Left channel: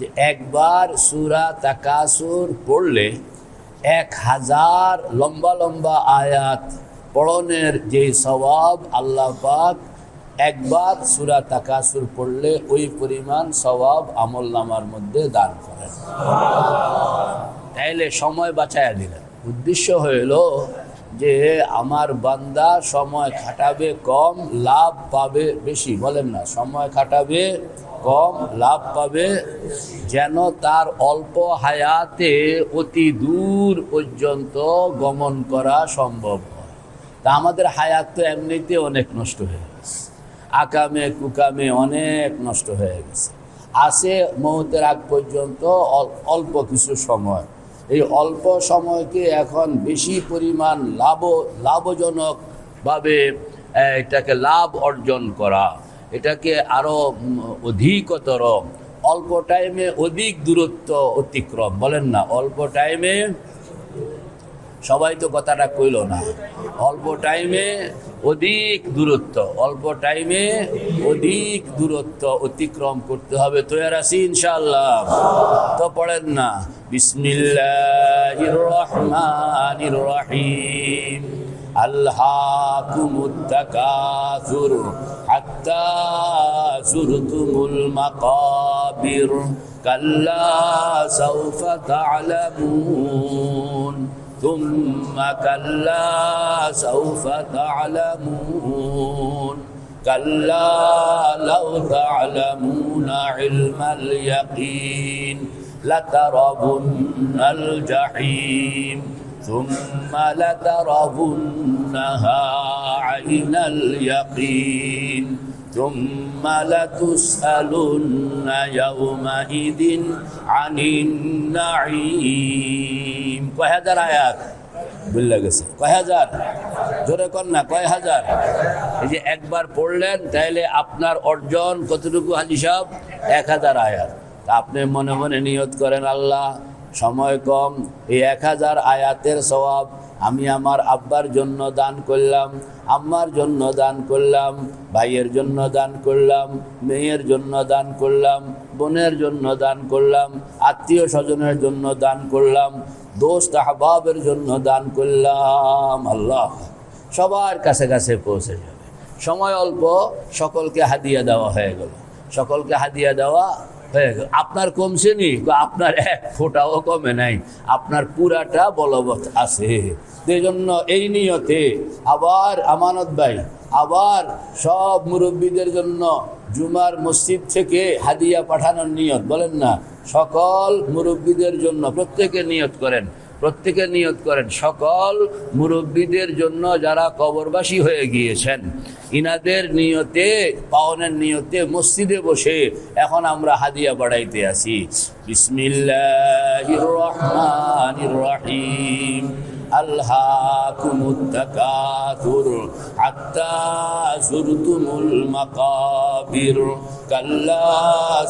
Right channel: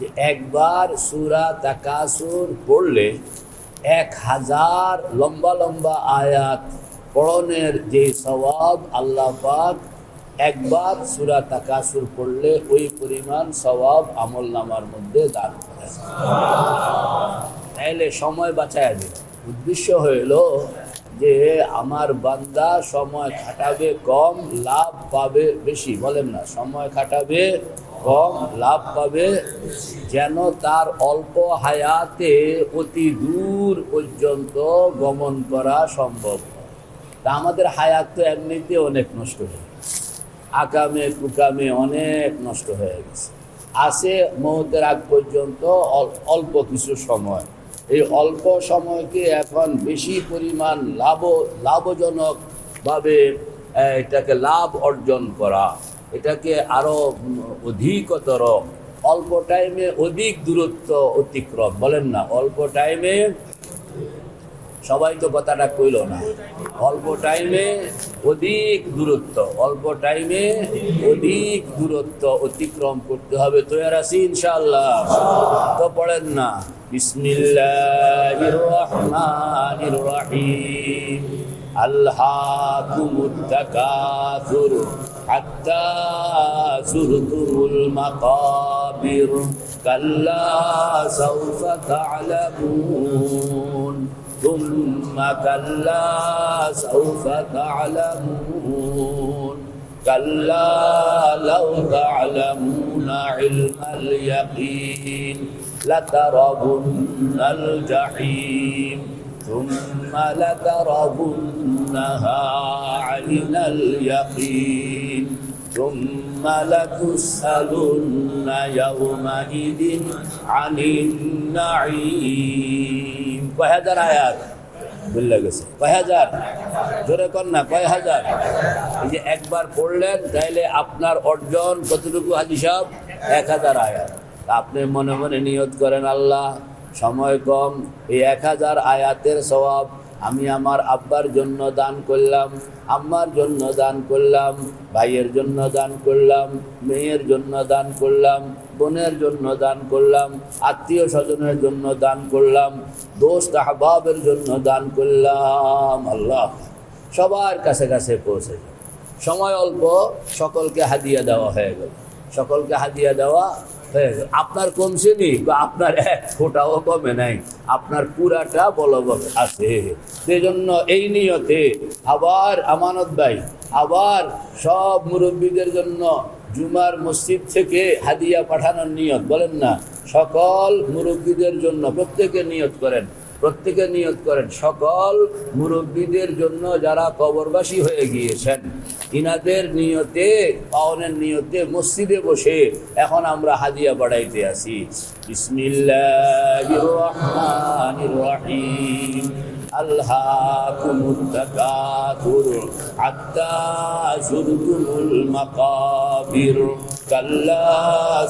যে একবার সূরা তাকাসুর পড়লে 1000 লম্বা লম্বা আয়াত পড়নের যে সওয়াব আল্লাহ পাক একবার সূরা তাকাসুর পড়লে ওই পরিমাণ সওয়াব আমলনামার মধ্যে দান করেন। তাইলে সময় বাঁচায়া দিলেন। উদ্দেশ্য হইল যে আমার বান্দা সময় খাটাবে কম, লাভ পাবে বেশি। বলেন না, সময় খাটাবে কম, লাভ পাবে, যেন তার অল্প হায়াতে অতি দূর পর্যন্ত গমন করা সম্ভব হয়। তা আমাদের হায়াত তো এমনিতে অনেক নষ্ট হয়ে গেছে, আকামে কুকামে অনেক নষ্ট হয়ে গেছে। আসে মৌতের আগ পর্যন্ত অল্প কিছু সময়। এই অল্প সময়কে এখন বেশি পরিমাণ লাভজনকভাবে এটাকে লাভ অর্জন করা, এটাকে আরও অধিকতর অল্প টাইমে অধিক দূরত্ব অতিক্রম। বলেন না, অল্প টাইমে, সবাই তো কথাটা কইল না, অল্প টাইমে অধিক দূরত্ব, অল্প টাইমে অধিক দূরত্ব অতিক্রম করতে হবে। তৈরি আছি ইনশাআল্লাহ? তো পড়েন না, বিসমিল্লাহির রহমানির রহিম। আলহাকুমুত তাকাসুর হাত্তা যুরতুমুল মাকাবির কাল্লা সাউফা তা'লামুন ثم كلا سوف تعلمون كلا لو تعلمون علم اليقين لترون الجحيم ثم لترونها عين اليقين ثم لتسألن يومئذ عن النعيم। কয় হাজার আয়াত বললে গেছে? কয় হাজার? জোরে কর না, কয় হাজার? এই যে একবার পড়লেন, তাইলে আপনার অর্জন কতটুকু হাজি সাহেব? 1000 আয়াত। আপনি মনে মনে নিয়ত করেন, আল্লাহ সময় কম, এই 1000 আয়াতের সওয়াব আমি আমার আব্বার জন্য দান করলাম, আম্মার জন্য দান করলাম, ভাইয়ের জন্য দান করলাম, মেয়ের জন্য দান করলাম, বোনের জন্য দান করলাম, আত্মীয় স্বজনের জন্য দান করলাম, দোস্ত আহবাবের জন্য দান করলাম। আল্লাহ সবার কাছে কাছে পৌঁছে যাবে। সময় অল্প, সকলকে হাদিয়া দেওয়া হয়ে গেল, সকলকে হাদিয়া দেওয়া হয়ে গেল। আপনার কমছে নি? আপনার এক ফোঁটাও কমে নাই, আপনার পুরাটা বলবৎ আছে। সেই জন্য এই নিয়তে আবার আমানত ভাই, আবার সব মুরব্বীদের জন্য জুমার মসজিদ থেকে হাদিয়া পাঠানোর নিয়ত। বলেন না, সকল মুরব্বীদের জন্য প্রত্যেকে নিয়ত করেন, প্রত্যেকে নিয়ত করেন, সকল মুরব্বীদের জন্য যারা কবরবাসী হয়ে গিয়েছেন, ইনাদের নিয়তে, পাওনের নিয়তে মসজিদে বসে এখন আমরা হাদিয়া বাড়াইতে আসি। বিসমিল্লাহির রহমানির রহিম। আলহাকুমুত তাকাসুর হাত্তা যুরতুমুল মাকাবির কাল্লা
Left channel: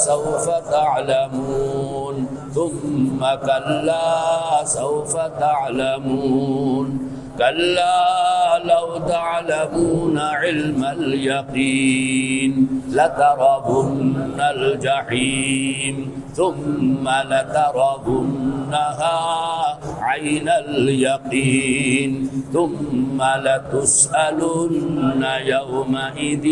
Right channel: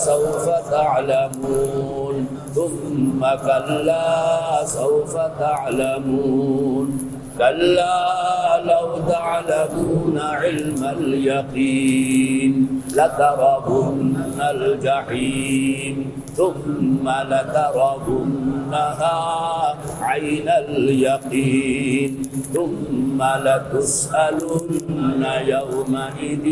সাউফা তা'লামুন থুম্মা কাল্লা সাউফা তা'লামুন কাল্লা লাউ তা'লামুনা ইলমাল ইয়াকিন লাতারাবুন্নাল জাহিম থুম্মা লাতারাবুন্নাহা عين اليقين ثم لتسألن يومئذ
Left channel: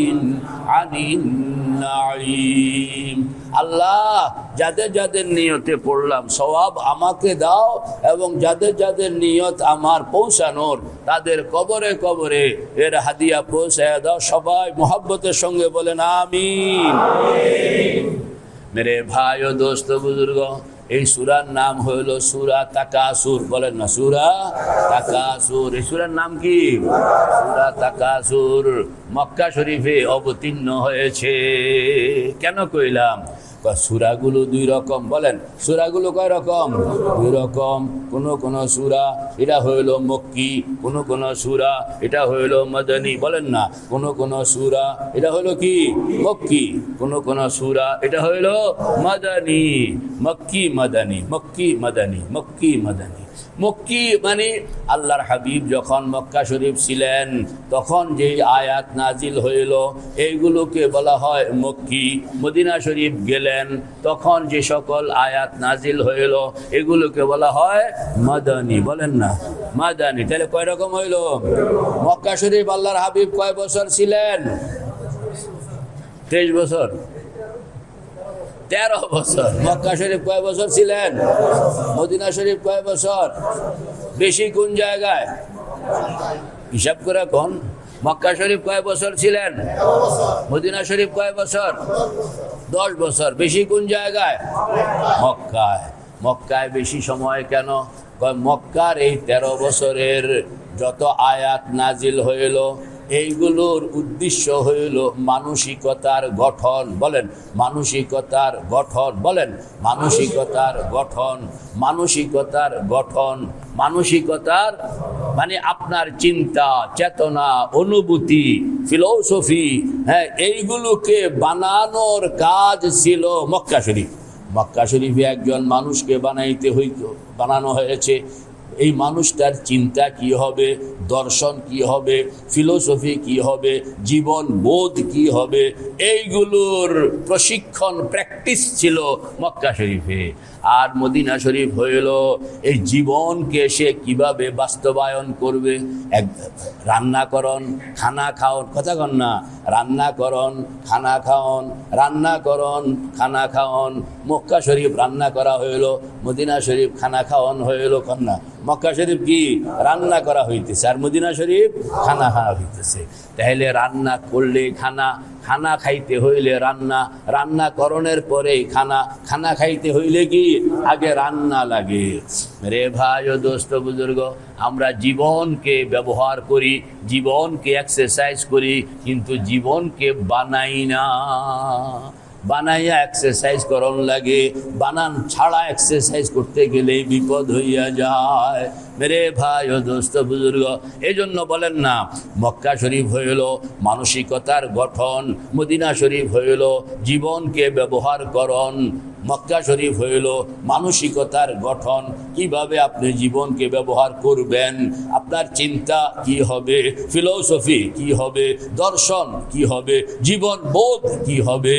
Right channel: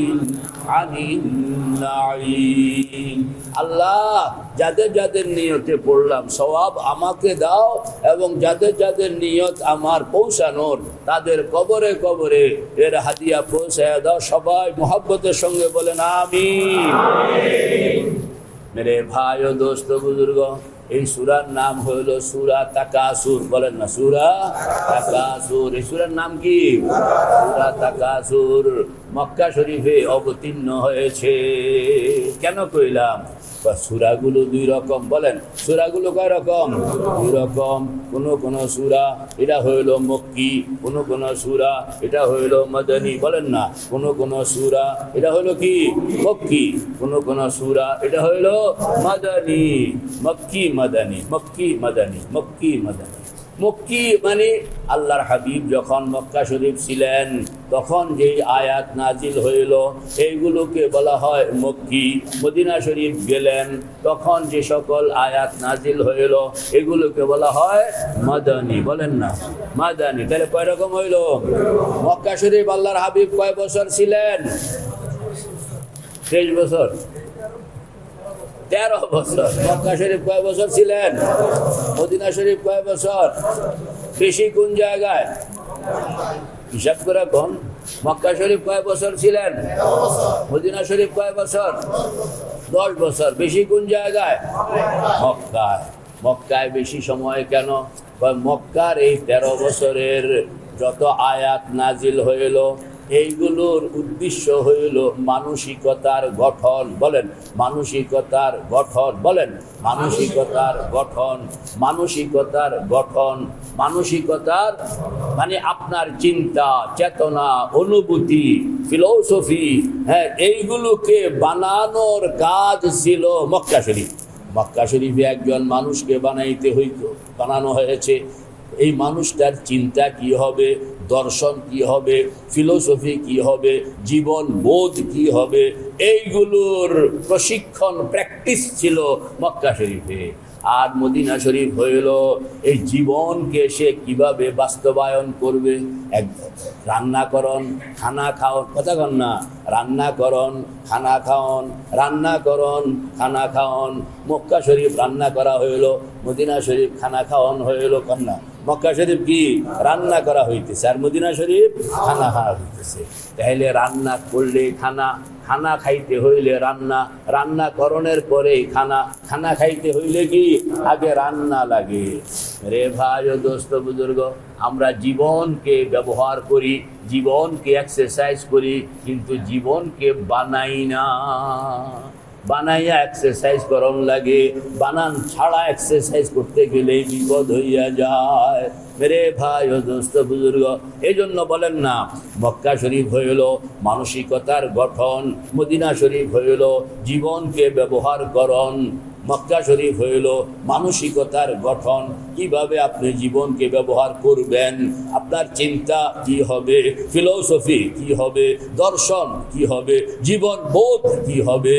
عن النعيم। আল্লাহ যাদের যাদের নিয়তে পড়লাম সওয়াব আমাকে দাও, এবং যাদের যাদের নিয়ত আমার পৌঁছানোর তাদের কবরে কবরে এর হাদিয়া পৌঁছায় দাও। সবাই মোহাব্বতের সঙ্গে বলেন আমিন। মেরে ভাই ও দোস্ত বুজুর্গ, এই সূরার নাম হইল সূরা তাকাসুর। বলেন না, সূরা তাকাসুর। এই সূরার নাম কি? সূরা তাকাসুর। মক্কা শরীফে অবতীর্ণ হয়েছে। কেন কইলাম? সূরাগুলো দুই রকম। বলেন, সূরাগুলো কয় রকম? দুই রকম। কোন সূরা এটা হইল মক্কি, কোন সূরা এটা হইল মাদানী। বলেন না, কোন সূরা এটা হইল কি? মক্কি। কোন সূরা এটা হইল মাদানী। মক্কি মাদানী, মক্কি মাদানী, মক্কি মাদানী। মক্কি মানে আল্লাহর হাবিব যখন মক্কা শরীফ ছিলেন তখন যে আয়াত নাজিল হইল এইগুলোকে বলা হয় মক্কি। মদিনা শরীফ গেলেন তখন যে সকল আয়াত নাজিল হইল এগুলোকে বলা হয় মাদানী। বলেন না মাদানী। তাহলে কয় রকম হইল? মক্কা শরীফ আল্লাহর হাবিব কয় বছর ছিলেন? 23 বছর, 13 বছর। মক্কা শরীফ কয় বছর ছিলেন? মদিনা শরীফ কয় বছর? বেশি কোন জায়গায়? হিসাব করে কোন? মক্কা শরীফ কয় বছর ছিলেন? মদিনা শরীফ কয় বছর? 10 বছর। বেশি কোন জায়গায়? মক্কায়। মক্কায় বেশি সময় কেন? মক্কার এই 13 বছরের যত আয়াত নাজিল হইল এইগুলোর উদ্দেশ্য হইল মানসিকতার গঠন। বলেন মানসিকতার গঠন। বলেন মানসিকতার গঠন। মানসিকতার গঠন। মানসিকতার মানে আপনার চিন্তা, চেতনা, অনুভূতি, ফিলোসফি, হ্যাঁ, এইগুলোকে বানানোর কাজ ছিল মক্কা শরীফ। মক্কা শরীফে একজন মানুষকে বানানো হয়েছে। এই মানুষটার চিন্তা কি হবে, দর্শন কি হবে, ফিলোসফি কি হবে, জীবন বোধ কি হবে, এইগুলোর প্রশিক্ষণ প্র্যাকটিস ছিল মক্কা শরীফে। আর মদিনা শরীফ হইল এই জীবনকে সে কিভাবে বাস্তবায়ন করবে। এক রান্না করন, খানা খাওন, কথা কন না, রান্না করন, খানা খাওন, রান্না করন, খানা খাওন। মক্কা শরীফ রান্না করা হইল, মদিনা শরীফ খানা খাওয়ান হইল। কন্যা মক্কা শরীফ কি রান্না করা হইতেছে আর মদিনা শরীফ খানা খাওয়া হইতেছে। তাহলে রান্না করলে খানা, খানা খাইতে হইলে রান্না, রান্না করণের পরেই খানা, খানা খাইতে হইলে কি আগে রান্না লাগে। রে ভাই ও দোস্ত বুজুর্গ, আমরা জীবনকে ব্যবহার করি, জীবনকে এক্সারসাইজ করি, কিন্তু জীবনকে বানাই না। বানাইয়া এক্সারসাইজ করন লাগে, বানান ছাড়া এক্সারসাইজ করতে গেলে বিপদ হইয়া যায়। মেরে ভাই ও দোস্ত বুজুর্গ, এই জন্য বলেন না মক্কা শরীফ হইল মানসিকতার গঠন, মদিনা শরীফ হইল জীবনকে ব্যবহার করন, মক্কা শরীফ হইল মানসিকতার গঠন। কিভাবে আপনি জীবনকে ব্যবহার করবেন, আপনার চিন্তা কি হবে, ফিলোসফি কি হবে, দর্শন কি হবে, জীবন বোধ কি হবে,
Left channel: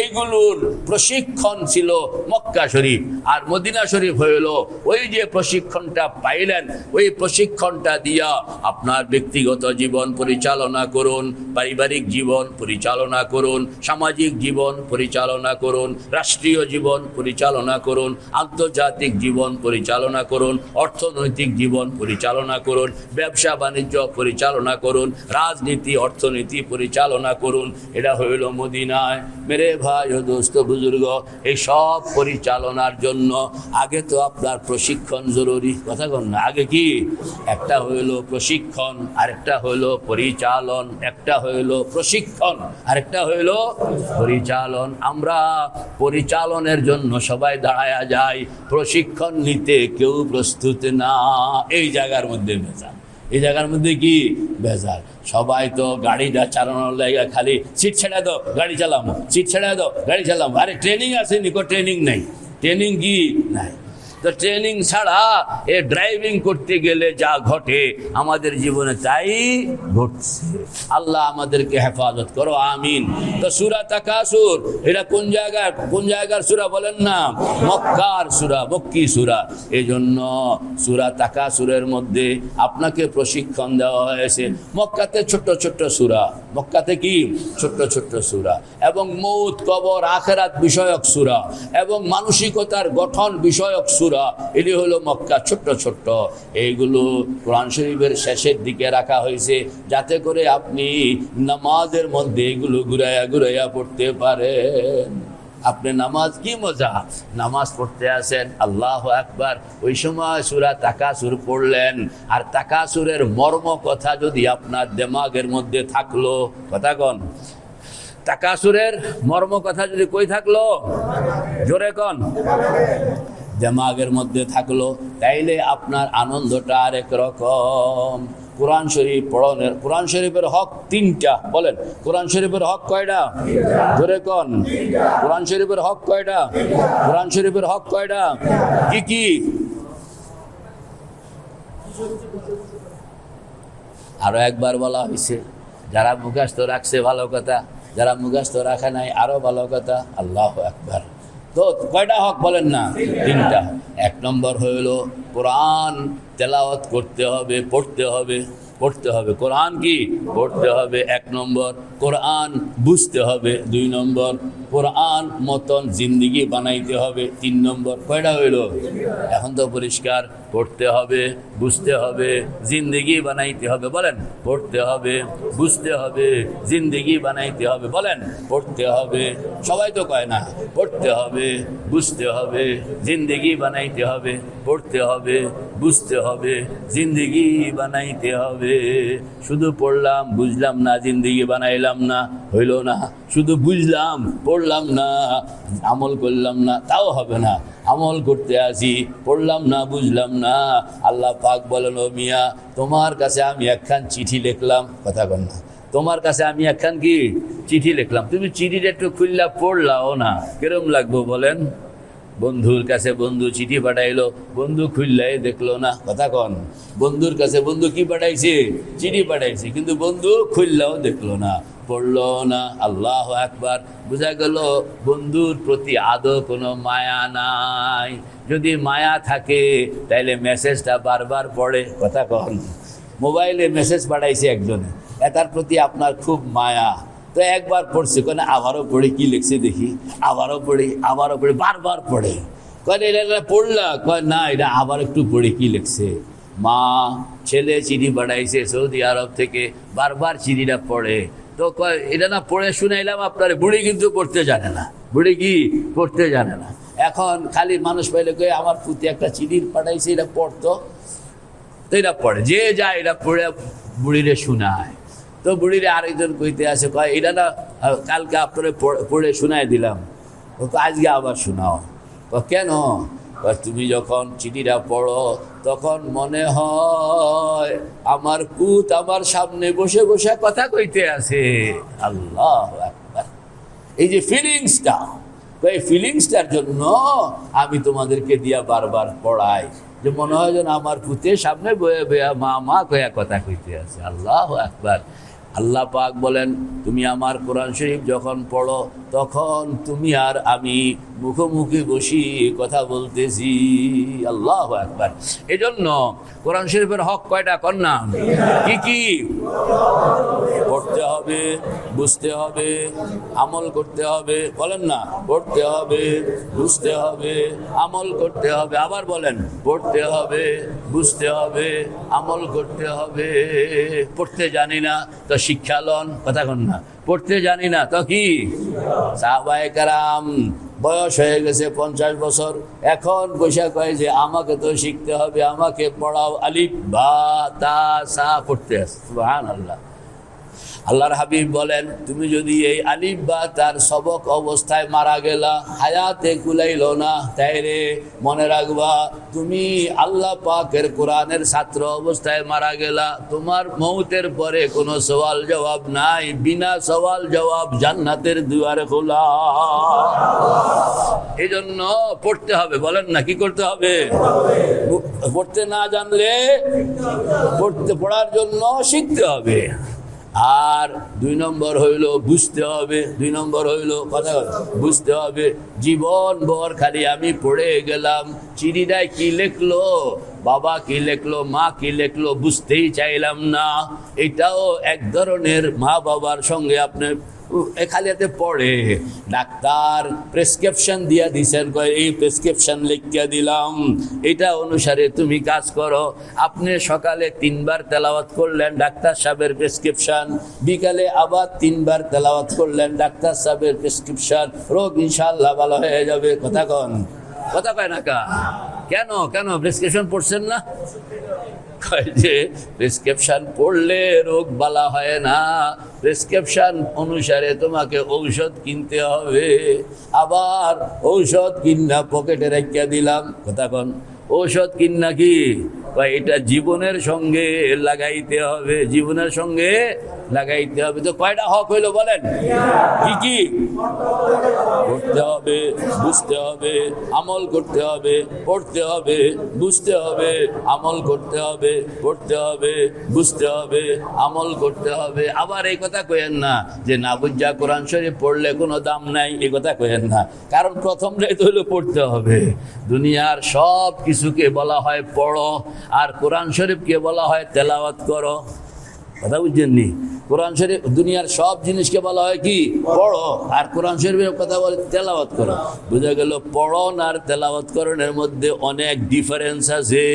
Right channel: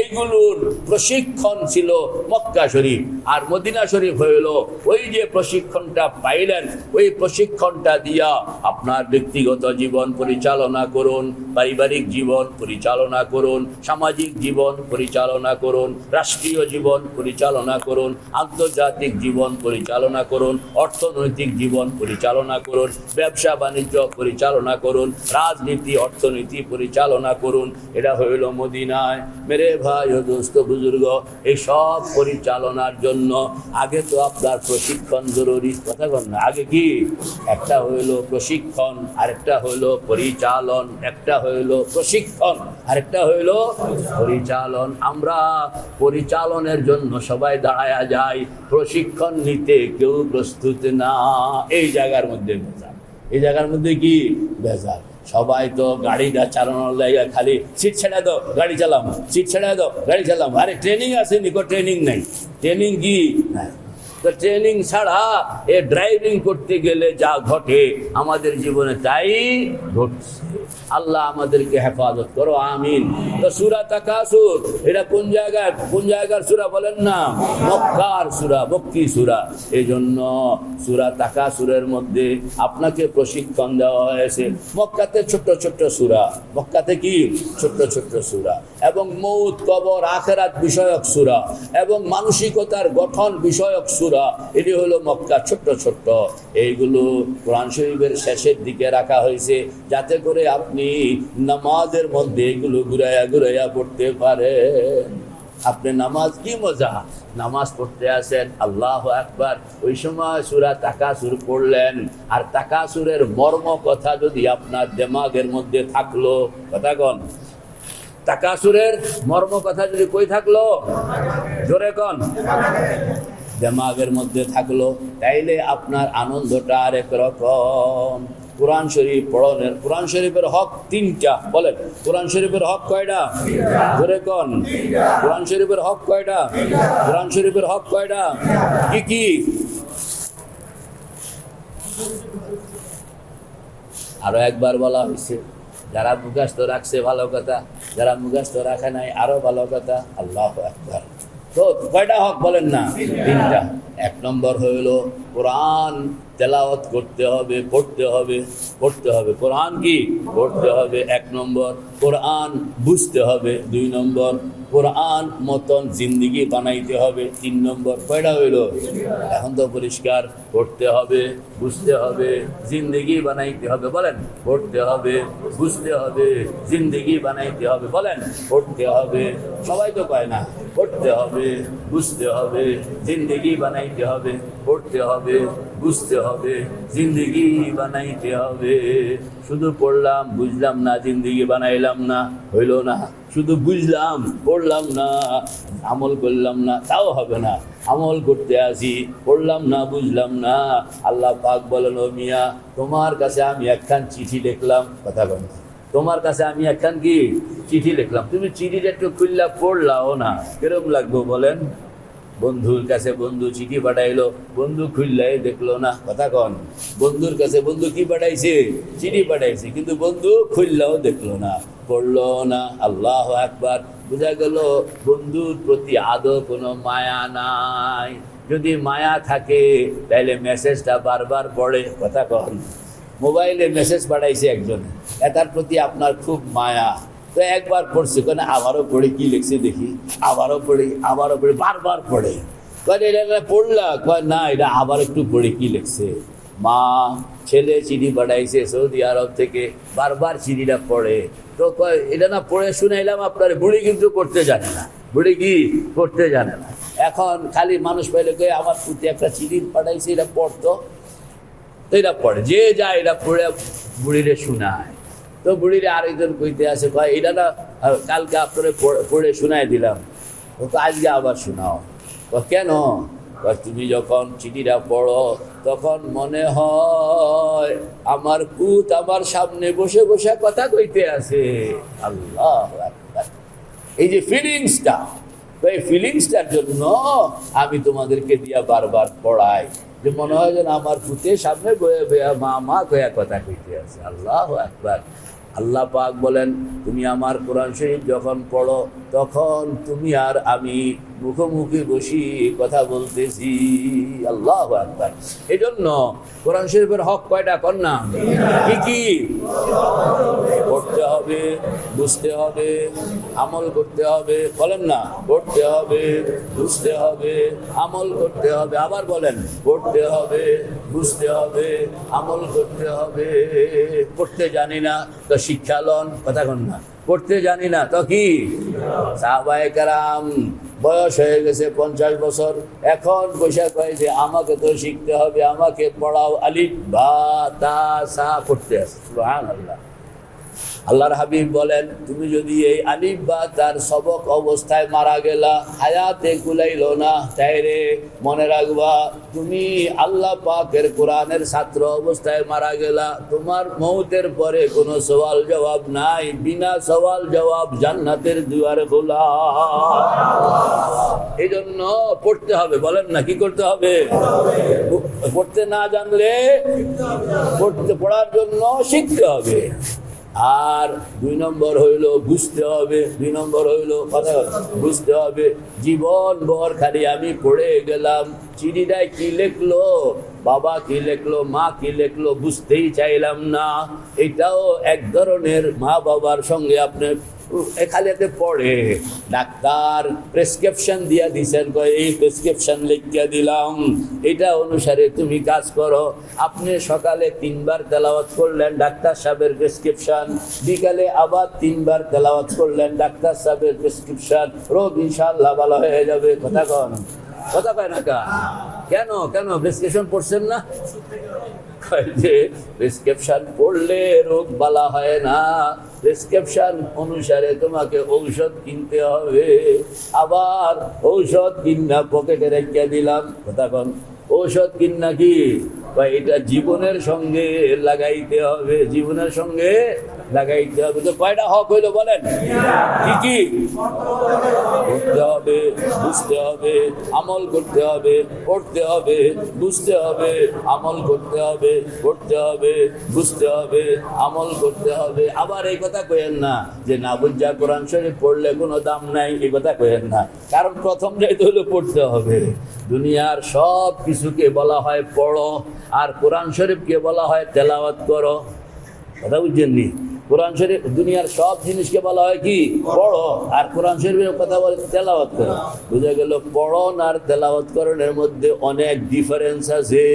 এইগুলোর প্রশিক্ষণ ছিল মক্কা শরীফ। আর মদিনা শরীফ হইল ওই যে প্রশিক্ষণটা পাইলেন, ওই প্রশিক্ষণটা দিয়া আপনার ব্যক্তিগত জীবন পরিচালনা করুন, পারিবারিক জীবন পরিচালনা করুন, সামাজিক জীবন পরিচালনা করুন, রাষ্ট্রীয় জীবন পরিচালনা করুন, আন্তর্জাতিক জীবন পরিচালনা করুন, অর্থনৈতিক জীবন পরিচালনা করুন, ব্যবসা বাণিজ্য পরিচালনা করুন, রাজনীতি অর্থনীতি পরিচালনা করুন। এটা হইল মদিনায়। মেরে ভাই ও দোস্ত বুজুর্গ, এই সব পরিচালনার জন্য আগে তো আপনার প্রশিক্ষণ জরুরি। কথা বল না, আগে কি একটা হইল প্রশিক্ষণ, আরেকটা হইল পরিচালন। একটা হইল প্রশিক্ষণ, আরেকটা হইল পরিচালন। আমরা পরিচালনের জন্য সবাই দাঁড়ায়া যায়, প্রশিক্ষণ নিতে কেউ প্রস্তুত না। এই জায়গার মধ্যে ভেজাল, এই জায়গার মধ্যে কি ভেজাল। সবাই তো গাড়িটা চালানোর জায়গা খালি সিট ছেড়ে দাও গাড়ি চালাম, সিট ছেড়ে দাও গাড়ি চালাম। আরে ট্রেনিং আছে নিকো? ট্রেনিং নেই। ট্রেনিং কি নাই? তো ট্রেনিং ছাড়া এ ড্রাইভিং করতে গেলে যা ঘটে আমাদের জীবনে তাই ঘটছে। আল্লাহ আমাদেরকে হেফাজত করো, আমিন। তো সূরা তাকাসুর এটা কোন জায়গার সূরা বলেন না? মক্কার সূরা, মক্কি সূরা। এই জন্য সূরা তাকাসুরের মধ্যে আপনাকে প্রশিক্ষণ দেওয়া হয়েছে। মক্কাতে ছোট্ট ছোট্ট সূরা, মক্কাতে কি ছোট্ট ছোট্ট সূরা, এবং মৌত, কবর, আখিরাত বিষয়ক সূরা, এবং মানসিকতার গঠন বিষয়ক সূরা। এটি হলো মক্কা ছোট্ট ছোট্ট। এইগুলো কোরআন শরীফের শেষের দিকে রাখা হয়েছে যাতে করে আপনি নামাজের মধ্যে এগুলো ঘুরাইয়া ঘুরাইয়া পড়তে পারেন। আপনি নামাজ কি মজা, নামাজ পড়তে আসেন, আল্লাহু আকবার, ওই সময় সূরা তাকাসুর পড়লেন। আর তাকাসুরের মর্ম কথা যদি আপনার দিমাগের মধ্যে থাকলো, কথা কন, তাকাসুরের মর্ম কথা যদি কই থাকলো, জোরে কন, দিমাগের মধ্যে থাকলো, তাইলে আপনার আনন্দটা আরেক রকম। কোরআন শরীফ পড়নের, কোরআন শরীফের হক 3টা। বলেন কোরআন শরীফের হক কয়টা? জোরে কন, কোরআন শরীফের হক কয়টা? কোরআন শরীফের হক কয়টা? কি কি? আরো একবার বলা হয়েছে, যারা মুখস্থ রাখছে ভালো কথা, যারা মুখস্থ রাখে নাই আরো ভালো কথা। আল্লাহু আকবার। তো কয়টা হক বলেন না? তিনটা। এক নম্বর হইল কোরআন তেলাওয়াত করতে হবে, পড়তে হবে। কোরআন কি পড়তে হবে, এক নম্বর। কোরআন বুঝতে হবে, দুই নম্বর। কোরআন মতন জিন্দিগি বানাইতে হবে, তিন নম্বর। কয়টা হইল? এখন তো পরিষ্কার। পড়তে হবে, বুঝতে হবে, জিন্দিগি বানাইতে হবে। বলেন পড়তে হবে, বুঝতে হবে, জিন্দিগি বানাইতে হবে। বলেন পড়তে হবে। সবাই তো কয় না। পড়তে হবে, বুঝতে হবে, জিন্দিগি বানাইতে হবে। পড়তে হবে, বুঝতে হবে, জিন্দিগি বানাইতে হবে। শুধু পড়লাম বুঝলাম না, জিন্দিগি বানাইলাম না, হইল না। শুধু বুঝলাম পড়লাম না, আমল করলাম না, তাও হবে না। আমল করতে আসি, পড়লাম না, বুঝলাম না। আল্লাহ পাক বলেন, ও মিয়া, তোমার কাছে আমি একখান চিঠি লিখলাম। কথা বল না। তোমার কাছে আমি একখান কি চিঠি লিখলাম, তুমি চিঠিটা একটু খুললা পড়লাও না, কিরম লাগবো বলেন? বন্ধুর কাছে বন্ধু চিঠি পাঠাইলো, বন্ধু খুললাই দেখলো না। কথা কন। বন্ধুর কাছে বন্ধু কি পাঠাইছে? চিঠি পাঠাইছে, কিন্তু বন্ধু খুললাও দেখলো না, পড়লো না। আল্লাহ আকবার। বোঝা গেল বন্ধুর প্রতি আদৌ কোনো মায়া নাই। যদি মায়া থাকে তাইলে মেসেজটা বারবার পড়ে। কথা কন। মোবাইলে মেসেজ পাঠাইছে একজন, তার প্রতি আপনার খুব মায়া, তো একবার পড়ছে, কেন আবারও পড়ে কি লিখছে দেখি, আবারও পড়ি, বারবার পড়ে। কয় এটা পড়লা? কয় না, এটা আবার একটু পড়ে কি লিখছে। মা ছেলে চিঠি পাঠাইছে সৌদি আরব থেকে, বারবার চিঠিটা পড়ে। তো কয় এটা না পড়ে শুনাইলাম আপনার। বুড়ি কিন্তু পড়তে জানে না, বুড়ি কি পড়তে জানে না। এখন খালি মানুষ পাইলে কয়ে আমার প্রতি একটা চিঠি পাঠাইছে, এটা পড়তো, তো এটা পড়ে, যে যায় এটা পড়ে বুড়িরে শোনায়। তো বুড়িরে আরেকজন কইতে আসে, কয় এটা না কালকে আপনারা পড়ে শোনাই দিলাম, ও আজকে আবার শোনাও। কেন? তুমি যখন চিঠিটা পড়ো তখন মনে হয় আমার পুত আমার সামনে বসে বসে কথা কইতে আছে। আল্লাহ আকবার। এই যে ফিলিংসটা, এই ফিলিংসটার জন্য আমি তোমাদেরকে দিয়া বারবার পড়াই, যে মনে হয় যেন আমার পুতের সামনে বয়ে বয়া মা মা কয়া কথা কইতে আছে। আল্লাহ আকবার। আল্লাহ পাক বলেন, তুমি আমার কোরআন শরীফ যখন পড়ো তখন তুমি আর আমি মুখোমুখি বসি কথা বলতেছি। আল্লাহ আকবার। এই জন্য কোরআন শরীফের হক কয়টা? কন্যা কি কি? পড়তে হবে, বুঝতে হবে, আমল করতে হবে। বলেন না, পড়তে হবে, বুঝতে হবে, আমল করতে হবে। আবার বলেন, পড়তে হবে, বুঝতে হবে, আমল করতে হবে। পড়তে জানি না তো শিক্ষা লন। কথা কন না। পড়তে জানি না তো কি? সাহাবায়ে কেরাম বয়স হয়ে গেছে 50 বছর, এখন বৈশাখ কয় যে আমাকে তো শিখতে হবে, আমাকে পড়াও। আলিফ বা তা সা পড়তে আছে। সুবহানাল্লাহ। আল্লাহর হাবিব বলেন, তুমি যদি এই আলিফ বা তার সবক অবস্থায় মারা গেলা, হায়াতে কুলাইল না, তাইরে মনে রাখবা তুমি আল্লাহ পাকের কোরআনের ছাত্র অবস্থায় মারা গেলা। তোমার মৌতের পরে কোনো সওয়াল জবাব নাই, বিনা সওয়াল জবাব জান্নাতের দুয়ারে খোলা। এই জন্য পড়তে হবে। বলেন না, কি করতে হবে? পড়তে না জানলে পড়ার জন্য শিখতে হবে। আর 2 নম্বর হইল বুঝতে হবে। 2 নম্বর হইল কথা বুঝতে হবে। জীবন ভর খালি আমি পড়ে গেলাম, চিঠিটায় কি লিখলো, বাবা কি লিখলো, মা কি লিখলো, বুঝতেই চাইলাম না। এটাও এক ধরনের মা বাবার সঙ্গে আপনার এখানে পড়ে। ডাক্তার প্রেসক্রিপশন দিয়া দিছেন, এই প্রেসক্রিপশন লিখিয়া দিলাম, এটা অনুসারে তুমি কাজ করো। আপনি সকালে 3 বার তেলাওয়াত করলেন ডাক্তার সাহেবের প্রেসক্রিপশন, বিকালে আবার 3 বার তেলাওয়াত করলেন ডাক্তার সাহেবের প্রেসক্রিপশন, রোগ ইনশাআল্লাহ ভালো হয়ে যাবে। কথা কন। কথা কয় না কা? কেন কেন প্রেসক্রিপশন পড়ছেন না? যে প্রেসক্রিপশন পড়লে রোগ বালা হয় না, প্রেসক্রিপশন অনুসারে তোমাকে ঔষধ কিনতে হবে। আবার ঔষধ কিনা পকেটে রেখে দিলাম। কথা কন। ঔষধ কিনা কি? এটা জীবনের সঙ্গে লাগাইতে হবে, জীবনের সঙ্গে লাগাইতে হবে। তো কয়টা হক হইলো বলেন? কি কি? পড়তে হবে, বুঝতে হবে, আমল করতে হবে, পড়তে হবে, বুঝতে হবে, আমল করতে হবে, পড়তে হবে, বুঝতে হবে, আমল করতে হবে। আবার এই কথা কইেন না যে না বুঝা কোরআন শরীফ পড়লে কোনো দাম নাই, এই কথা কইেন না। কারণ প্রথম তো হলো পড়তে হবে। দুনিয়ার সব কিছুকে বলা হয় পড়ো, আর কোরআন শরীফকে বলা হয় তেলাওয়াত করো। কথা বুঝছেননি? কোরআন শরীফ দুনিয়ার সব জিনিসকে বলা হয় কি পড়ো, আর কোরআন শরীফের কথা বলে তেলাওয়াত করো। বুঝা গেল পড়ন আর তেলাওয়াত করণের মধ্যে অনেক ডিফারেন্স আছে।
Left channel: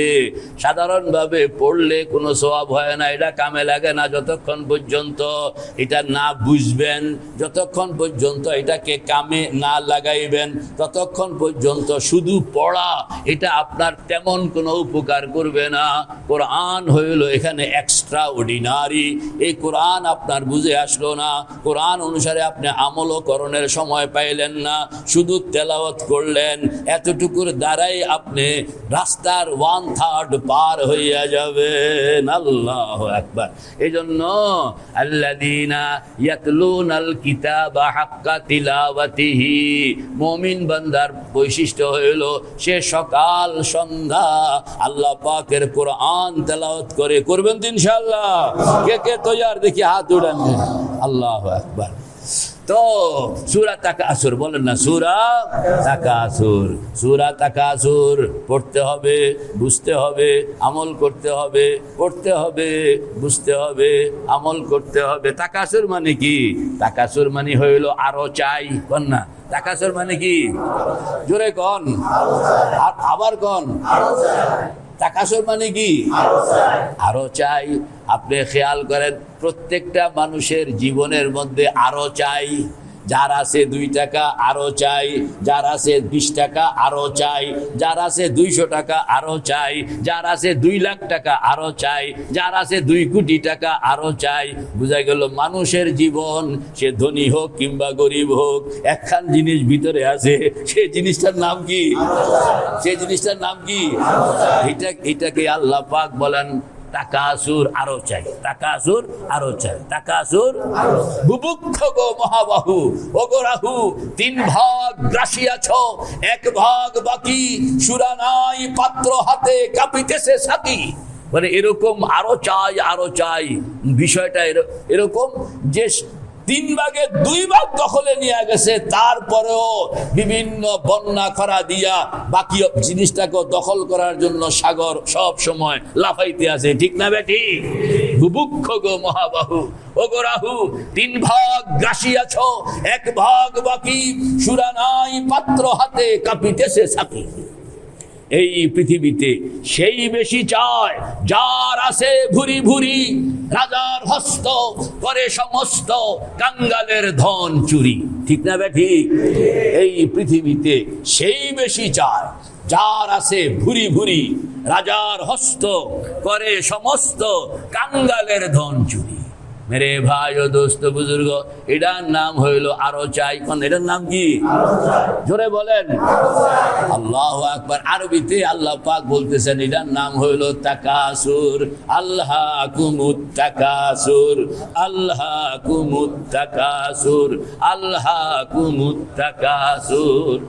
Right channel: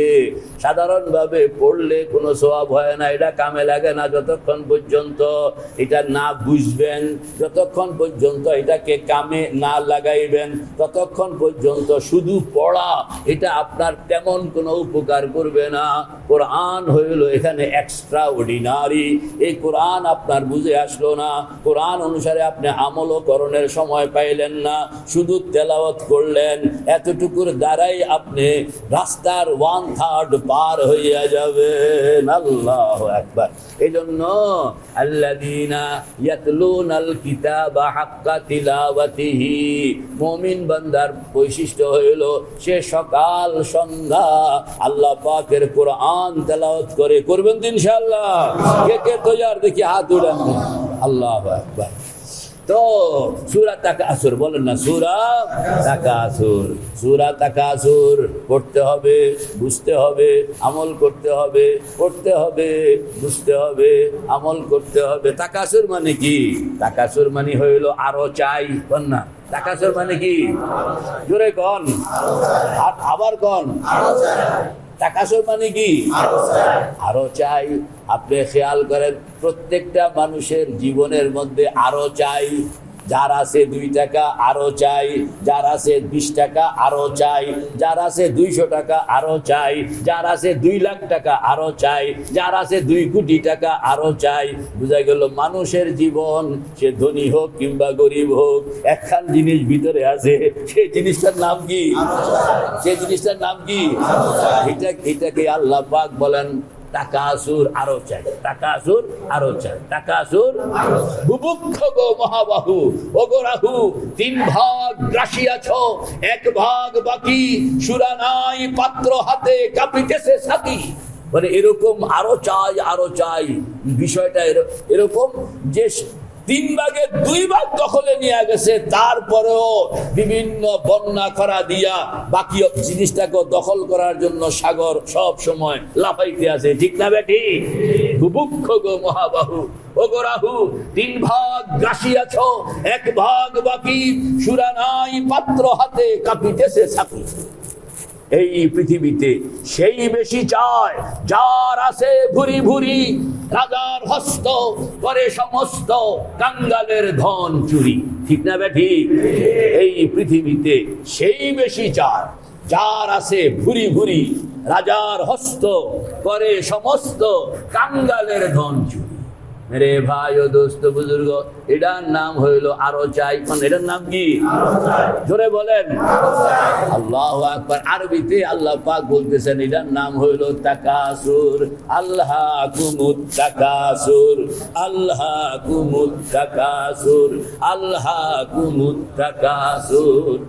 সাধারণভাবে পড়লে কোনো সওয়াব হয় না, এটা কামে লাগে না যতক্ষণ পর্যন্ত এটা না বুঝবেন, যতক্ষণ পর্যন্ত এটাকে কামে না লাগাইবেন, ততক্ষণ পর্যন্ত শুধু পড়া এটা আপনার তেমন কোনো উপকার করবে না। কোরআন হইল এখানে এক্সট্রা অর্ডিনারি। এই কোরআন আপনার বুঝে আসলো না, কোরআন অনুসারে আপনি আমলও করণের সময় পাইলেন না, শুধু তেলাওয়াত করলেন, এতটুকুর দ্বারাই আপনি রাস্তার 1/3 পার হইয়া যাবেন। আল্লাহু আকবার। এই জন্য আল্লাযীনা ইয়াতলুনাল কিতাবা হাক্কা তিলাওয়াতিহি, মুমিন বান্দার বৈশিষ্ট্য হইল সে সকাল সন্ধ্যা আল্লাহ পাকের কোরআন তেলাওয়াত করে। করবেন তো ইনশাআল্লাহ? কে কে তৈয়ার? দেখি হাত উড়ান। আল্লাহু আকবার। তো সূরা তাকাসুর বলেন না, সূরা তাকাসুর। সূরা তাকাসুর পড়তে হবে, বুঝতে হবে, আমল করতে হবে, পড়তে হবে, বুঝতে হবে, আমল করতে হবে। তাকাসুর মানে কি? তাকাসুর মানে হইল আরো চাই। কোন না তাকাসুর মানে কি? জোরে কোন, আবার কোন। তাকাসুর মানে কি? আরো চাই। আপনি খেয়াল করেন প্রত্যেকটা মানুষের জীবনের মধ্যে আরো চাই। যার আছে 2 টাকা আরো চাই, যার আছে 20 টাকা আরো চাই, যার আছে 200 টাকা আরো চাই, যার আছে 2 লাখ টাকা আরো চাই, যার আছে 2 কোটি টাকা আরো চাই। বুঝা গেল মানুষের জীবন, সে ধনী হোক কিংবা গরিব হোক, একখান জিনিস ভিতরে আছে, সেই জিনিসটার নাম কি? সেই জিনিসটার নাম কি? এটাকে আল্লাহ পাক বলেন তাকাসুর, আরো চাই। তাকাসুর, আরো চাই। তাকাসুর, বুভুক্ষ গো মহাবাহু ওগরাহু, 3 ভাগ রাশিয়াছ, 1 ভাগ বাকি, সুরা নাই পাত্র হাতে কাঁপিতেছে সাকি। মানে এরকম আরো চাই, আরো চাই। বিষয়টা এরকম যে 3 ভাগের 2 ভাগ দখলে নিয়ে গেছে, তারপরেও বিভিন্ন বন্যা করা দিয়া বাকি জিনিসটাকে দখল করার জন্য সাগর সব সময় লাফাইতে আছে। ঠিক না বেটি? বুভুক্ষ গো মহাবাহু ওগরাহু, 3 ভাগ গ্রাসিয়াছ, 1 ভাগ বাকি, সুরা নাই পাত্র হাতে কাঁপিতেছে সাকি। এই পৃথিবীতে সেই বেশি চায় যার আছে ভুরি ভুরি, রাজার হস্ত করে সমস্ত কাঙ্গালের ধন চুরি। ঠিক না বেঠি? এই পৃথিবীতে সেই বেশি চায় যার আছে ভুরি ভুরি, রাজার হস্ত করে সমস্ত কাঙ্গালের ধন চুরি। মেরে ভাই ও দোস্ত বুজুর্গ, এটার নাম হইল আরো চাই। এটার নাম কি? জোরে বলেন। আল্লাহু আকবার। আরবিতে আল্লাহ পাক বলতেছেন এটার নাম হইল তাকাসুর। আল্লাহকুমুত তাকাসুর, আল্লাহকুমুত তাকাসুর, আল্লাহকুমুত তাকাসুর।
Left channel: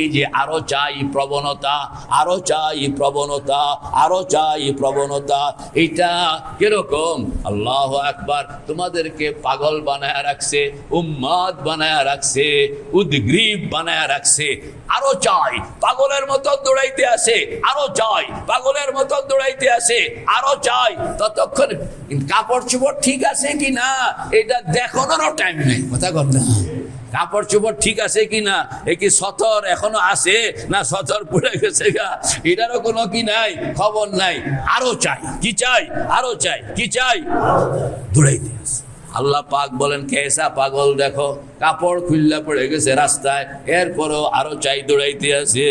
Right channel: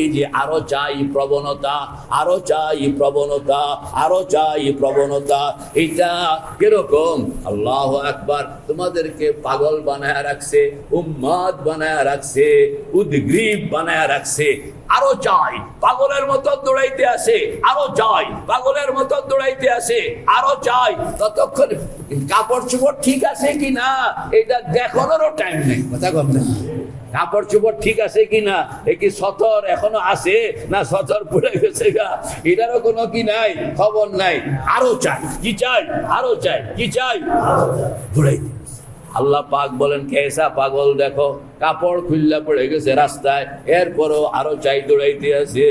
এই যে আরো চাই প্রবণতা, আরো চাই প্রবণতা, আরো চাই প্রবণতা, এটা কিরকম? আল্লাহু আকবার। তোমাদেরকে পাগল বানায় রাখছে, উম্মাদ বানায় রাখছে, উদ্গ্রীব বানায় রাখছে। আরো চাই, পাগলের মতো দৌড়াইতে আসে, আরো চাই, পাগলের মতো দৌড়াইতে আসে, আরো চাই। ততক্ষণ কাপড় চোপড় ঠিক আছে কি না এটা দেখানোরও টাইম নেই। কথা কম না। কাপড় চোপড় ঠিক আছে কিনা, এ কি সতর এখনো আছে না সতর পড়ে গেছে গা, এটারও কোনো কি নাই, খবর নাই। আরো চাই। কি চাই? আরো চাই। কি চাই? দৌড়াইতে আছে। আল্লাহ পাক বলেন কেসা পাগল দেখো, কাপড় খুললা পড়ে গেছে রাস্তায়, এরপরেও আরো চাই দৌড়াইতে আছে।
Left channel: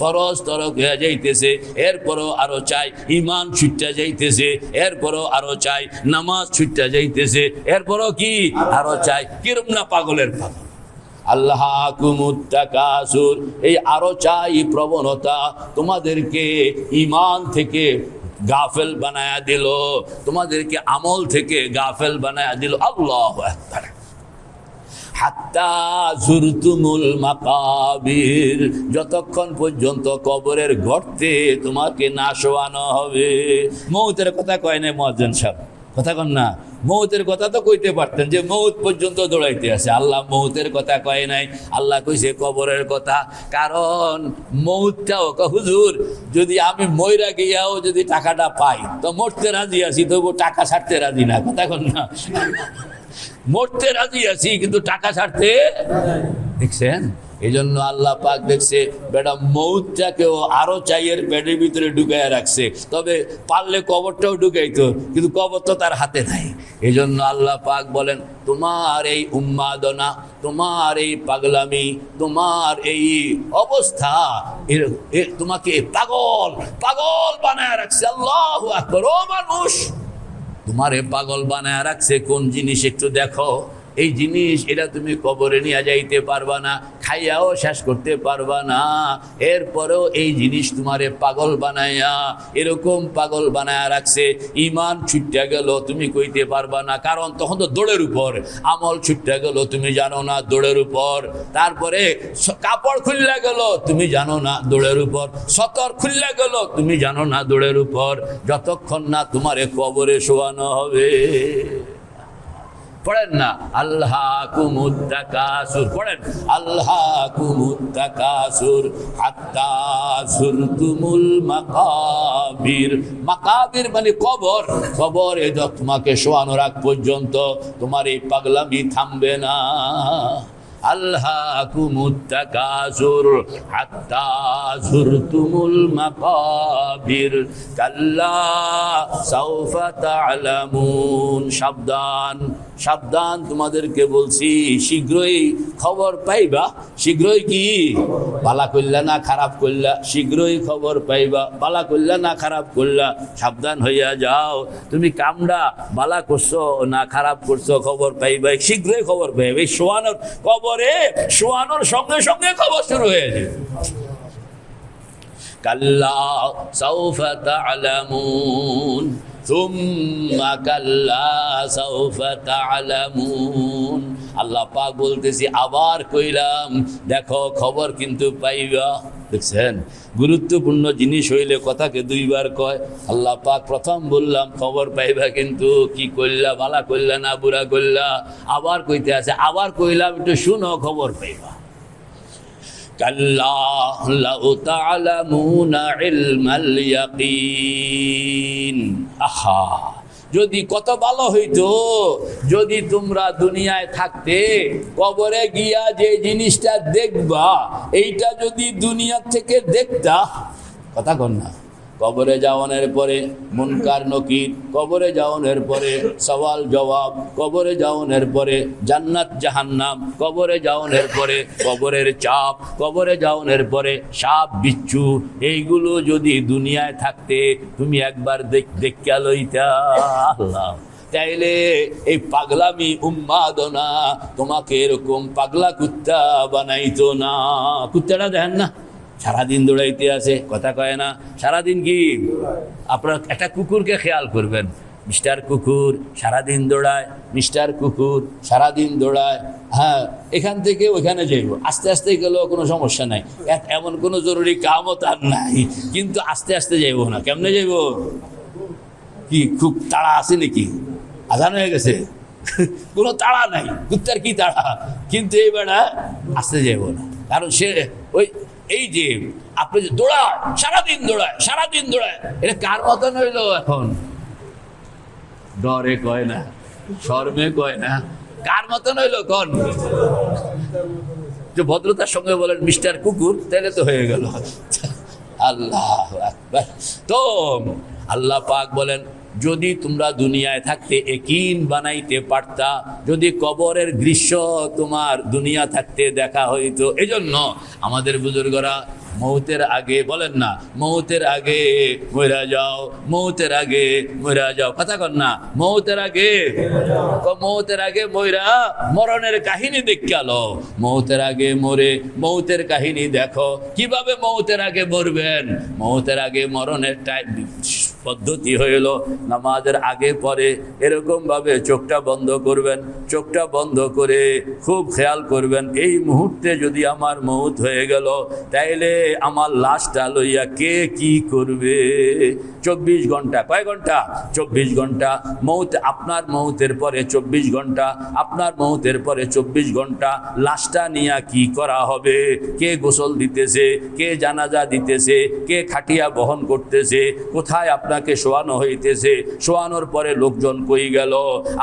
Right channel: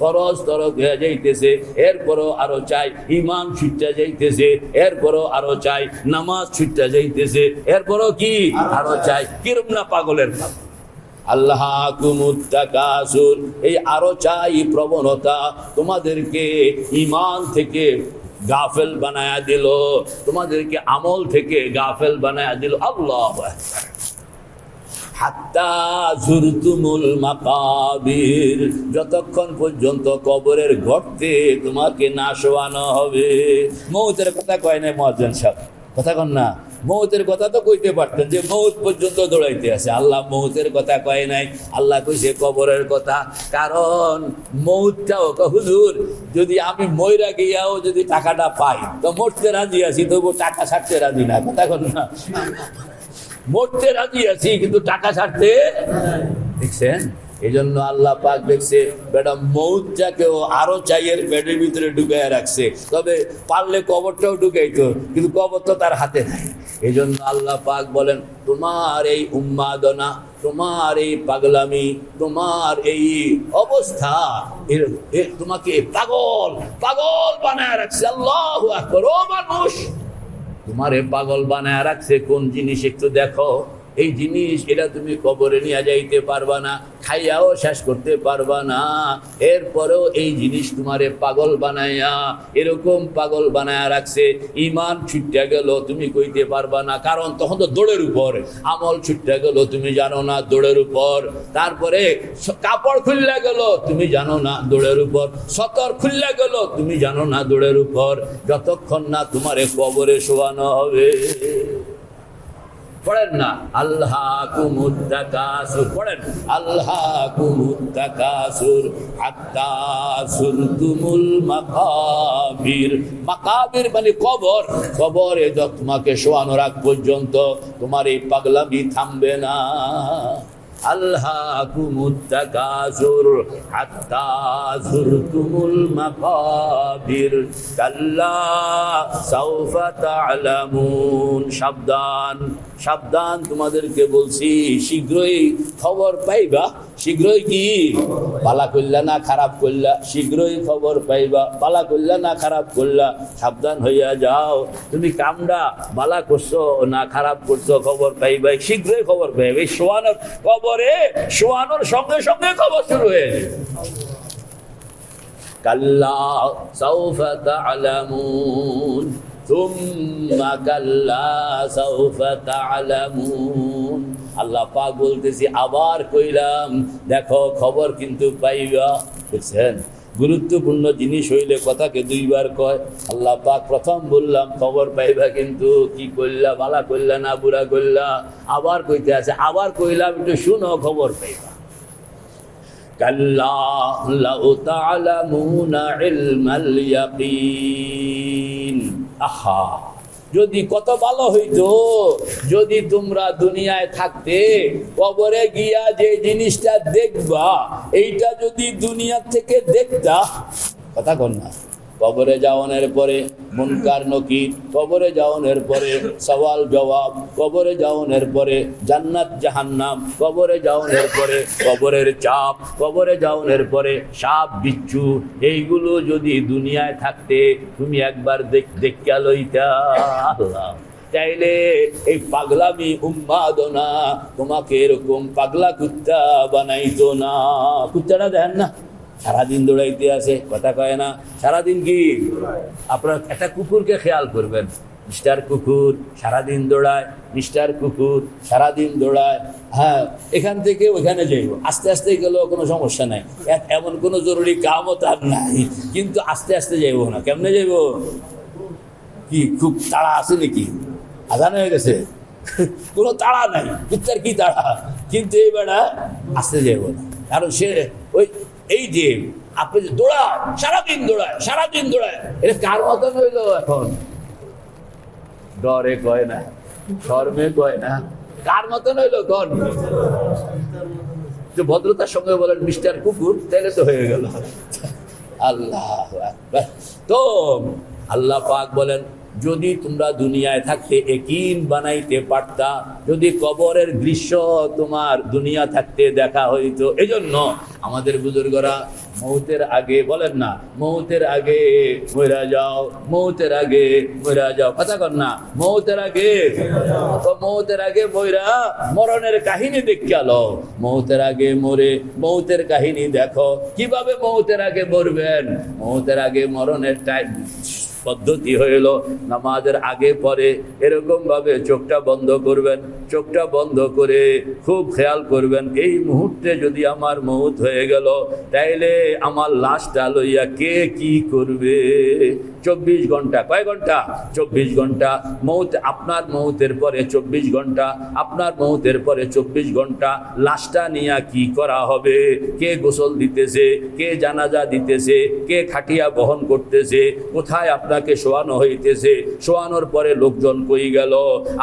ফরজ তরক হয়ে যাইতেছে, এরপরেও আরো চাই। ইমান ছুটটা যাইতেছে, এরপরেও আরো চাই। নামাজ ছুটটা যাইতেছে, এরপরেও কি আরো চাই। কিরম না পাগলের পাগল। আল্লাহকুমুত তাকাসুর, এই আরো চাই প্রবণতা তোমাদেরকে ইমান থেকে গাফেল বানায়া দিল, তোমাদেরকে আমল থেকে গাফেল বানায়া দিল। আল্লাহু আকবার। হাত্তা যুরতুমুল মাকাবির, যতক্ষণ পর্যন্ত কবরের গর্তে তোমাকে না শোয়ানো হবে। মৌতের কথা কয় নাই মুয়াজ্জিন সাহেব, কথা কন না। মৌতের কথা তো কইতে পারতেন যে মৌত পর্যন্ত দৌড়াইতে আছে। আল্লাহ মৌতের কথা কয় নাই, আল্লাহ কইছে কবরের কথা। কারণ মৌতটাও হুজুর যদি আমি মইরা গিয়াও যদি টাকাটা পাই তো মরতে রাজি আছি, তবু টাকা ছাড়তে রাজি না, কথা কন না। মরতে রাজি আছি কিন্তু টাকা ছাড়তে, দেখছেন? এই জন্য আল্লাহ পাক দেখছে বেটা মৌতটাকেও আরো চাইয়ের পেটের ভিতরে ঢুকাইয়া রাখছে। তবে পারলে কবরটাও ঢুকাইতো, কিন্তু কবর তো তার হাতে নাই। এই জন্য আল্লাহ পাক বলেন তোমার এই উন্মাদনা, তোমার এই পাগলামি, তোমার এই অবস্থা তোমাকে পাগল পাগল বানায় রাখছে। আল্লাহু আকবার। ও মানুষ, তোমারে পাগল বানায় রাখছে কোন জিনিস একটু দেখো। এই জিনিস এটা তুমি কবরে নিয়ে যাইতে পারবা না, খাইয়াও শেষ করতে পারবা না। এরপরেও এই জিনিস তোমারে পাগল বানায়া, এরকম পাগল বানায়া রাখছে। ইমান ছুটতে গেল তুমি কইতে পারবা না, কারণ তখন তো দৌড়ের উপর। আমল ছুটতে গেল তুমি জানো না, দৌড়ের উপর। তারপরে কাপড় খুললে গেল তুমি জানো না, দৌড়ের উপর। সতর খুললে গেল তুমি জানো না, দৌড়ের উপর। যতক্ষণ না তোমারে কবরে শোয়ানো হবে। পড়েন না আল্লাহকুমুত তাকাসুর, পড়েন আল্লাহকুমুত তাকাসুর হাত্তা যুরতুমুল মাকাবির। মাকাবির মানে কবর। কবরে তোমাকে শোয়ানোর আগ পর্যন্ত তোমার এই পাগলামি থামবে না। আল্লাহকুমুত তাকাসুর হাত্তা যুরতুমুল মাকাবির কাল্লা সাউফা তা'লামুন। সাবধান সাবধান, তোমাদেরকে বলছি শীঘ্রই খবর পাইবা। শীঘ্রই কি? ভালা করলা না খারাপ করলা, শীঘ্রই খবর পাইবা। ভালা করলা না খারাপ করলা, সাবধান হইয়া যাও। তুমি কামড়া ভালা করছো না খারাপ করছো, খবর পাইবা, শীঘ্রই খবর পাইবা। এই শোয়ানোর কবরে শোয়ানোর সঙ্গে সঙ্গে খবর শুরু হয়ে যাবে। কাল্লা সাউফা তা'লামুন সুম্মা কাল্লা সাউফা তা'লামুন। আল্লাহ পাক বলতেছি আবার কইলাম, দেখো খবর কিন্তু পাইবা। দেখছেন, গুরুত্বপূর্ণ জিনিস হইলে কথাকে দুইবার কয়। আল্লাহ পাক প্রথম বললাম খবর পাইবা, কিন্তু কি করলা, ভালা করলা না বুড়া করলা। আবার কইতে আছে, আবার কইলাম একটু শুনো, খবর পাইবা। কাল্লা লাউ তা'লামুনা ইলমাল ইয়াকিন। আহা, যদি কত ভালো হইতো যদি তোমরা দুনিয়ায় থাকতে কবরে গিয়া যে জিনিসটা দেখবা এইটা যদি দুনিয়া থেকে দেখতা। কথা কন না। কবরে যাওয়ানোর পরে মুনকার নকির, কবরে যাওয়ানোর পরে সওয়াল জবাব, কবরে যাওয়ানোর পরে জান্নাত জাহান্নাম, কবরে যাওয়ানোর পরে কবরের চাপ, কবরে যাওয়ানোর পরে সাপ বিচ্ছু, এইগুলো যদি দুনিয়ায় থাকতে তুমি একবার দেখিয়া লইতা। আল্লাহ, তাইলে এই পাগলামি উন্মাদনা তোমাকে এরকম পাগলা কুত্তা বানাইতো না। কুত্তাটা দেখেন না সারাদিন দৌড়াইতে আছে, কথা কয় না। সারাদিন কি আপনার একটা কুকুরকে খেয়াল করবেন, মিস্টার কুকুর সারাদিন দৌড়ায়, মিস্টার কুকুর সারাদিন দৌড়ায়। হ্যাঁ, এখান থেকে ওইখানে যাইব, আস্তে আস্তে গেলেও কোনো সমস্যা নাই, এমন কোনো জরুরি কামও তার নাই, কিন্তু আস্তে আস্তে যাইব না। কেমনে যাইব? কি খুব তাড়া আছে নাকি? আজান হয়ে গেছে, কোনো তাড়া নাই, কুত্তার কি তাড়া? কিন্তু এই বেড়া আস্তে যাইব না, কারণ সে ওই এই যে আপনি যে দৌড়াও, সারাদিন দৌড়ায়, সারাদিন দৌড়ায়, এটা কার মতন হইল? এখন ডরে কয় না, শর্মে কয় না, কার মতন হইল? কন যে ভদ্রতার সঙ্গে বলেন মিস্টার কুকুর, তাহলে তো হয়ে গেল। আল্লাহ আকবার। তো আল্লাহ পাক বলেন, যদি তোমরা দুনিয়ায় থাকতে একিন বানাইতে পারতা, যদি কবরের দৃশ্য তোমার দুনিয়া থাকতে দেখা হইতো। এজন্য আমাদের বুজুর্গরা মৌতের আগে বলেন না, মৌতের আগে মইরা যাও, মৌতের আগে মইরা যাও, কথা কন না, মৌতের আগে, মৌতের আগে মইরা মরণের কাহিনী দেখে আলো, মৌতের আগে মরে মৌতের কাহিনী দেখো, কিভাবে মৌতের আগে মরবেন। মৌতের আগে মরণের টাইম পদ্ধতি হইল নামাজের আগে পরে এরকম ভাবে চোখটা বন্ধ করবেন, চোখটা বন্ধ করে খুব খেয়াল করবেন, এই মুহূর্তে যদি আমার মৌত হয়ে গেল তাইলে আমার লাশটা লইয়া কে কি করবে। 24 ঘন্টা, কয় ঘন্টা? 24 ঘন্টা। মৌত, আপনার মৌতের পরে 24 ঘন্টা, আপনার মৌতের পরে 24 ঘন্টা লাশটা নিয়ে কি করা হবে, কে গোসল দিতেছে, কে জানাজা দিতেছে, কে খাটিয়া বহন করতেছে, কোথায় আপনাকে শোয়ানো হইতেছে, শোয়ানোর পরে লোকজন কই গেল,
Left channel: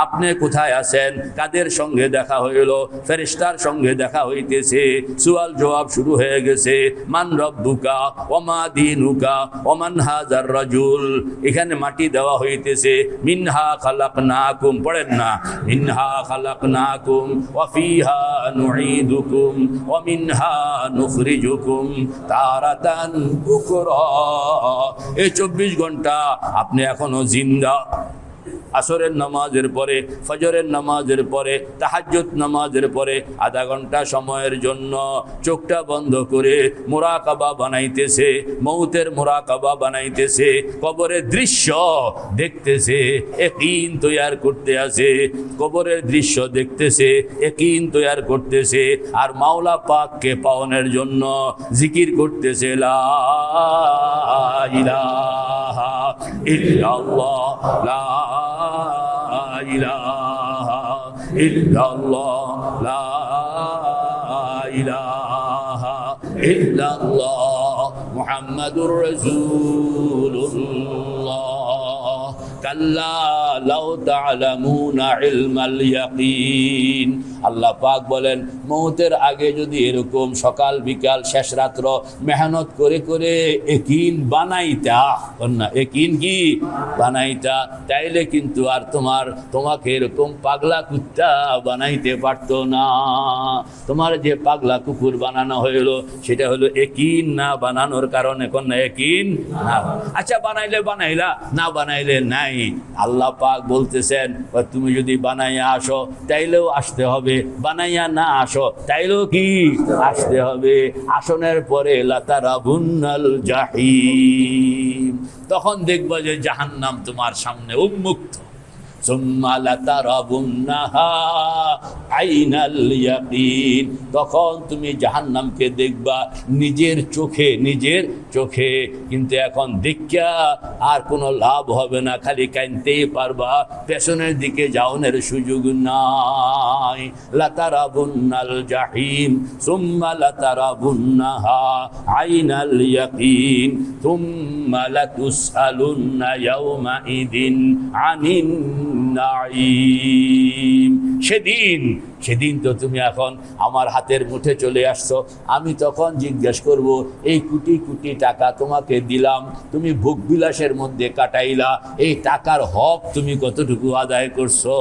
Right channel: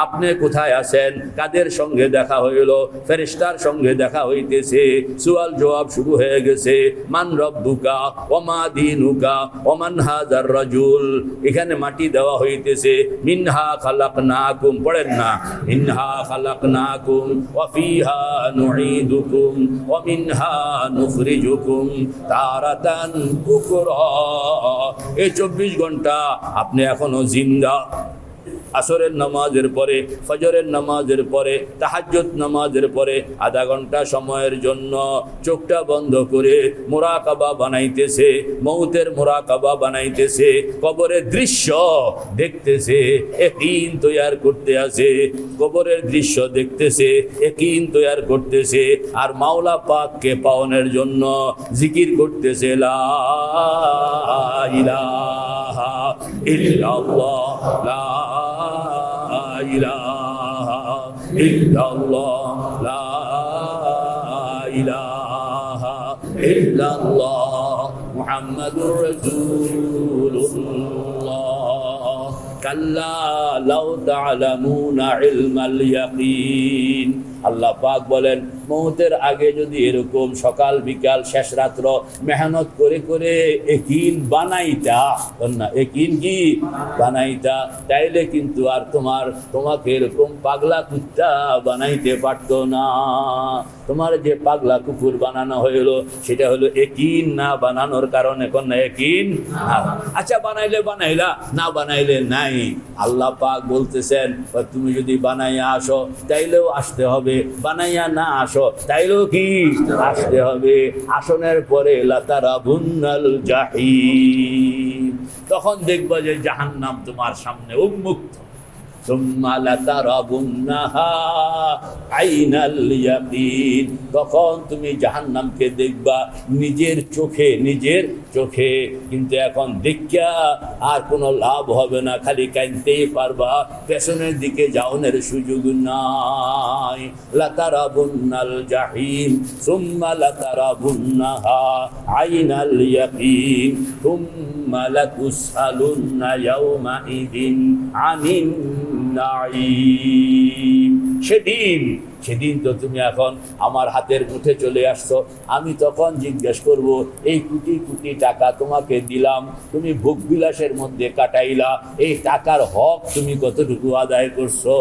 আপনি কোথায় আছেন, কাদের সঙ্গে দেখা হইল, ফেরেশতার সঙ্গে দেখা হইতেছে, সুয়াল জবাব শুরু হয়ে গেছে, মান রব্বুকা ওমা দীনুকা ওমান হাযার রাজুল, এখানে মাটি দেওয়া হইতেছে, মিনহা খালাকনাকুম, পড়েন না, মিনহা খালাকনাকুম ওয়া ফিহা নুঈদুকুম ওয়া মিনহা নুখরিজুকুম তারাতান উখরা। এই 24 ঘন্টা আপনি এখনো জিন্দা। আসরের নামাজের পরে, ফজরের নামাজের পরে, তাহাজ্জুদ নামাজের পরে আধা ঘন্টা সময়ের জন্য চোখটা বন্ধ করে মুরাকাবা বানাইতেছে, মৌতের মুরাকাবা বানাইতেছে, কবরের দৃশ্য দেখতেছে, ইয়াকিন তৈয়ার করতে আছে, কবরের দৃশ্য দেখতেছে, ইয়াকিন তৈয়ার করতেছে, আর মাওলা পাককে পাওয়ানোর জন্য জিকির করতেছে, লা ইলাহা ইল্লাল্লাহ, লা ইলাহা ইল্লাল্লাহ, লা ইলাহা ইল্লাল্লাহ মুহাম্মাদুর রাসূলুল্লাহ। কাল্লা লাউ তা'লামুনা ইলমাল ইয়াকিন। আল্লাহ পাক বলেন মৌতের আগে যদি এরকম সকাল বিকাল শেষ রাত্র মেহনত করে করে ইয়াকিন বানাইতা, না ইয়াকিন কি বানাইতা, তাইলে কিন্তু আর তোমাকে এরকম পাগলা কুত্তা বানাইতে পারতো না। তোমার যে পাগলা কুকুর বানানো হইলো সেটা হলো ইয়াকিন না বানানোর কারণে, কোন ইয়াকিন না। আচ্ছা বানাইলে বানাইলা, না বানাইলে নাই। আল্লাহ পাক বলতেছেন তুমি যদি বানাইয়া আসো তাইলেও আসতে হবে, বানাইয়া না আসো তাইলেও কি আসতে হবে। আসনের পরে লাতারাবুন্নাল জাহিম, তখন দেখবা যে জাহান্নাম তোমার সামনে উন্মুক্ত। সুম্মা লাতারাবুন্নাহা আইনাল ইয়াকিন, তখন তুমি জাহান্নামকে দেখবা নিজের চোখে, নিজের চোখে। কিন্তু এখন দেখিয়া আর কোনো লাভ হবে না, খালি কাঁদতেই পারবা, পেছনের দিকে যাওনের সুযোগ নাই। লাতারাবুন্নাল জাহিম সুম্মা লাতারাবুন্নাহা আইনাল ইয়াকিন সুম্মা লাতুসআলুন্না ইয়াওমাইদিন আনিন নাঈম। সেদিন তো তুমি এখন আমার হাতের মুঠে চলে আসছো, আমি তখন জিজ্ঞেস করব এই কোটি কোটি টাকা তোমাকে দিলাম, তুমি ভোগ বিলাসের মধ্যে কাটাইলা, এই টাকার হক তুমি কতটুকু আদায় করছো,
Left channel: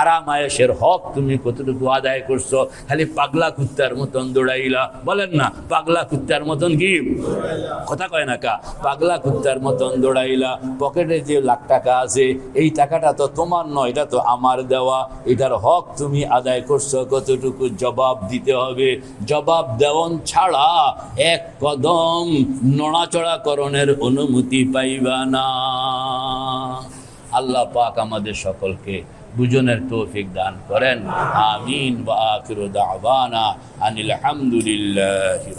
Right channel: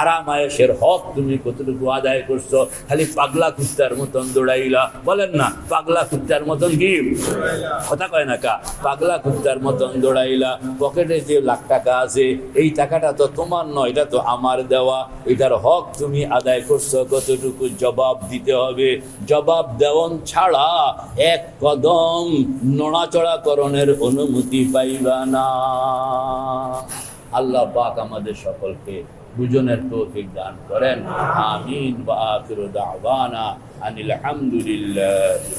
আরাম আয়েশের হক তুমি কতটুকু আদায় করছো। খালি পাগলা কুত্তার মতন দৌড়াইলা, বলেন না পাগলা কুত্তার মতন কি কথা কয় না কা, পাগলা কুত্তার মতন দৌড়াইলা। পকেটে যে লাখ টাকা আছে এই টাকাটা তো তোমার নয়, এটা তো আমার দেওয়া, এটার হক তুমি আদায় করছো কতটুকু জবাব দিতে হবে। জবাব দেওয়ান ছাড়া এক কদম নড়াচড়া করণের অনুমতি পাইবা না। আল্লাহ পাক আমাদের সকলকে বুঝনের তৌফিক দান করেন। আমিন। ওয়া আখিরু দাওয়ানা আনিল হামদুলিল্লাহি।